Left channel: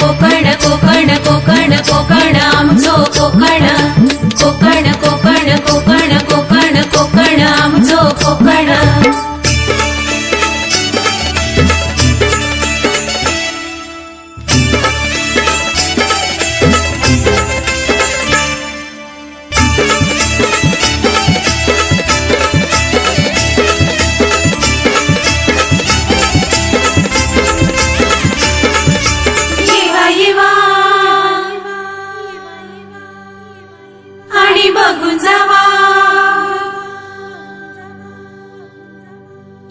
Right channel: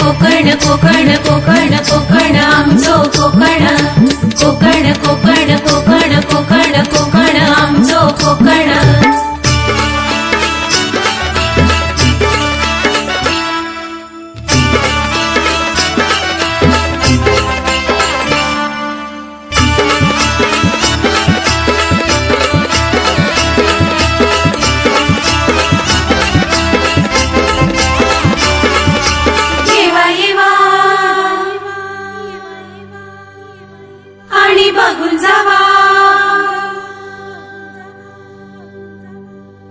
कोकण कोकण कोकण कोकण आमचो कोकण कोकण कोकण कोकण कोकण कोकण आमचो कोकण आणि बघून जावा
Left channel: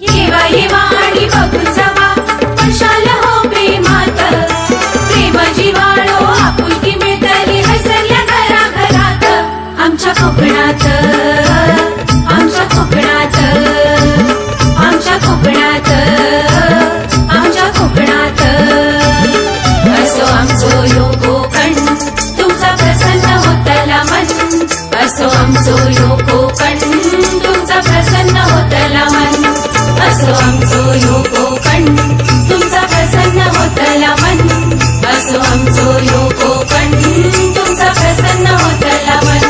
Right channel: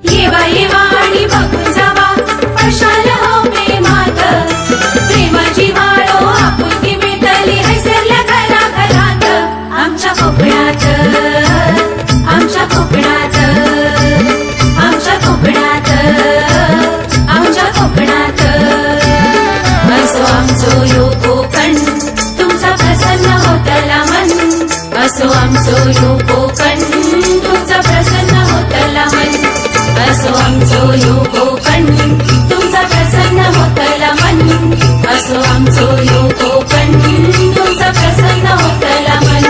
येवा येवा आणि बघून जावा अशाल हो प्रेमात प्रेमाची वाळो आपुलकी मिळतली हैसरल्या घराघरात आमच्या कोकणात आमच्या कोकणात आमच्या कोकणात आमच्या कोकणात असो आमचो यो कोकण तुमचा प्रसन्न होतला मन असो आमचो यो कोकण तुमचा प्रसन्न होतला मन असो आमचो यो कोकण तुमचा प्रसन्न होतला मन असो आमचो यो कोकण तुमचा प्रसन्न होतला मन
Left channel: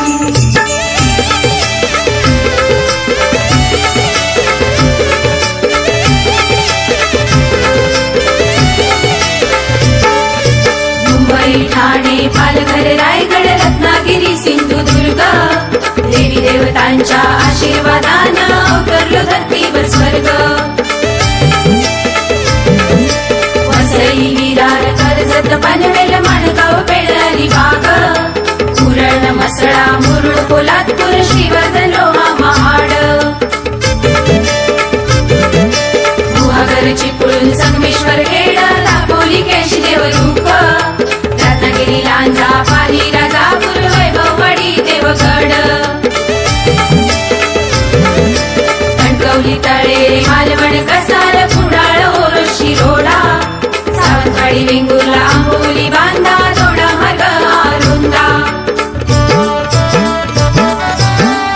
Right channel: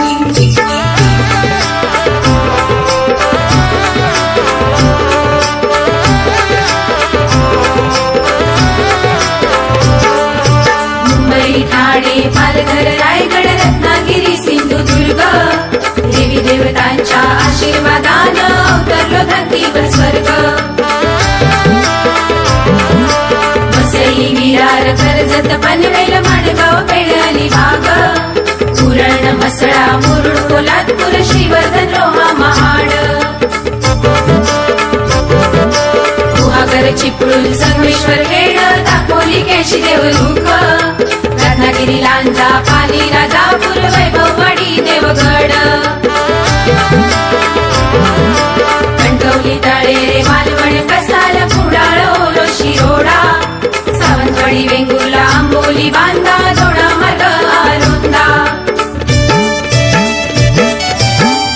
मुंबई ठाणे पालघर रायगड रत्नागिरी सिंधुदुर्ग देवी देवतांच्या आशीर्वादानं अवतरलो धरतीवर स्वर्ग वसई विरार कर्जत पनवेल माणगाव पेण अलिबाग उरण मसळा मुरुड पोलादपूर श्रीवर्धन लोहा महाड गुहागर चिपळूण संगमेश्वर खेड दापोली केशी देवरुख रत्नागिरी लांजा पाली राजापूर वैभववाडी देवगड कणकवली तळेरे मालवण कसाल कुडाळ ओरो शिरोडा सावंतवाडी वेंगुर्ला आंबोली बांधा दोडा मार्ग आरुंदा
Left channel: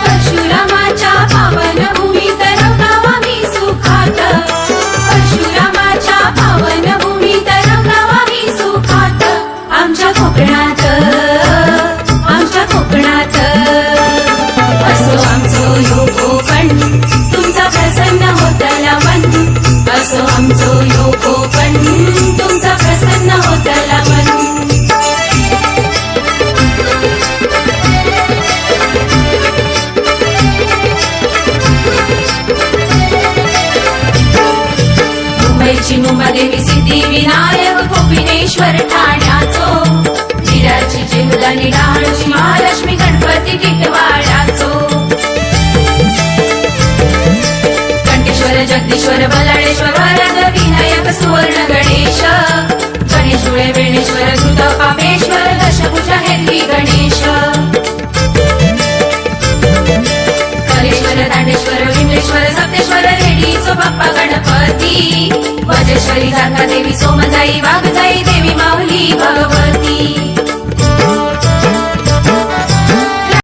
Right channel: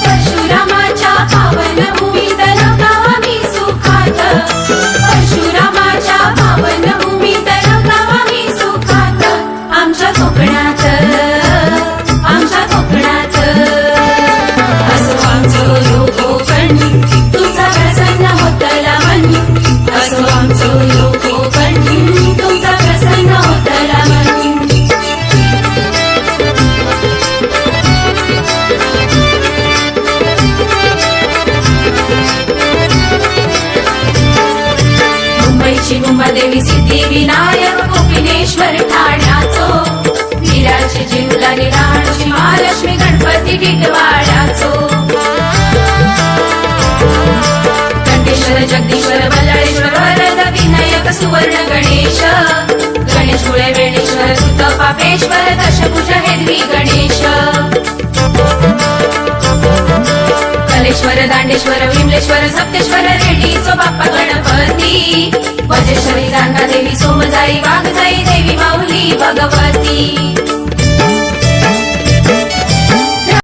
परशुरामाच्या पावन भूमीत रमलावा मी सुखात परशुरामाच्या पावन भूमीत रमलावा मी सुखात आमच्या कोकणात आमच्या कोकणात असो आमचो यो कोकण तुमचा प्रसन्न होतला मन असो आमचो यो कोकण तुमचा प्रसन्न होतला मन मुंबईची मुंबादेवी सिद्धिविनायक गोपिनेश्वर ठाण्याचो वीराची जीवदानी डाळची महालक्ष्मी गणपती टिटवाळाचो कंटेश्वर जगदीश्वर बल्लाळेश्वर वरद विनायक सुवर्ण गणेश गणेश डोळे वेणेश्वर कृत पापेश्वर दशभुजा हेरवी गणेश कलेश्वर दांडेश्वर विमलेश्वर सप्तेश्वर रेडीचो बाप्पा गणपती वजेश्वरी जांगा देवी सोमजाई वाघजाई देवी माऊली भगवती